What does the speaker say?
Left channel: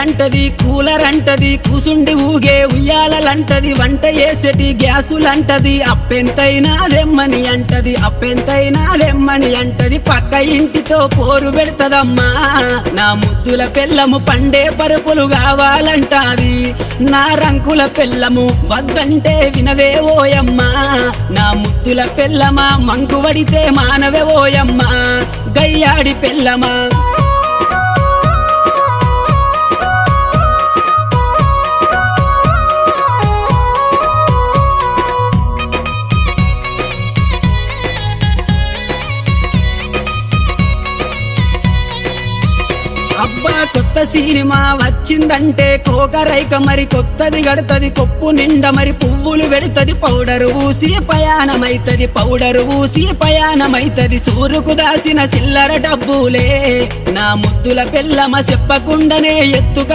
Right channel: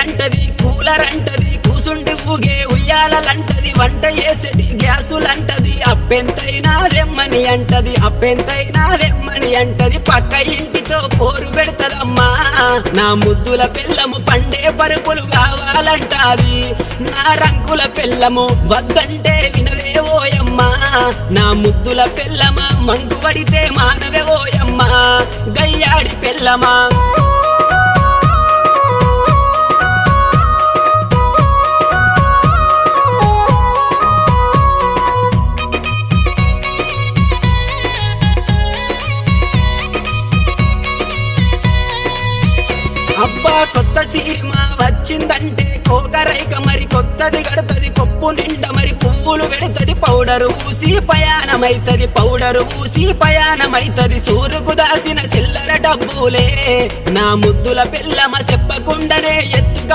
అంటది కూలర్ అంటది కూసుండి ఊగే ఉయ్యాలంటది వంట చేసేటి గ్యాసులంటది అప్పెంతైనా దెమ్మని అంటది అప్పెంతైనా దెమ్మని అంటది పక్క ఇంటితో పోరు పెడతదమ్మా నా ముద్దుల పెళ్ళము పండే పరుపులు కావాలంటాది నా రంకుల పెళ్ళము వద్దంటే వినవే ఓయమ్మా నా ముద్దుల పెళ్ళమా మంకు వడితే మానవే ఓయమ్మా గయ్యాడి పెళ్ళమా అబ్బా కొత్త సినిమా వచ్చిందంటే కోకరైక మరి కొత్తది గడతది కొప్పు నిండా మరి పువ్వులు పెడతది పౌడరు ఊసి పయానమైతది పౌడరు ఊసి పయానమైతది సూరుకు దాసిన చిల్లర డబ్బులే నా ముద్దుల పెళ్ళమ చెప్పకుండానే ఎత్తుక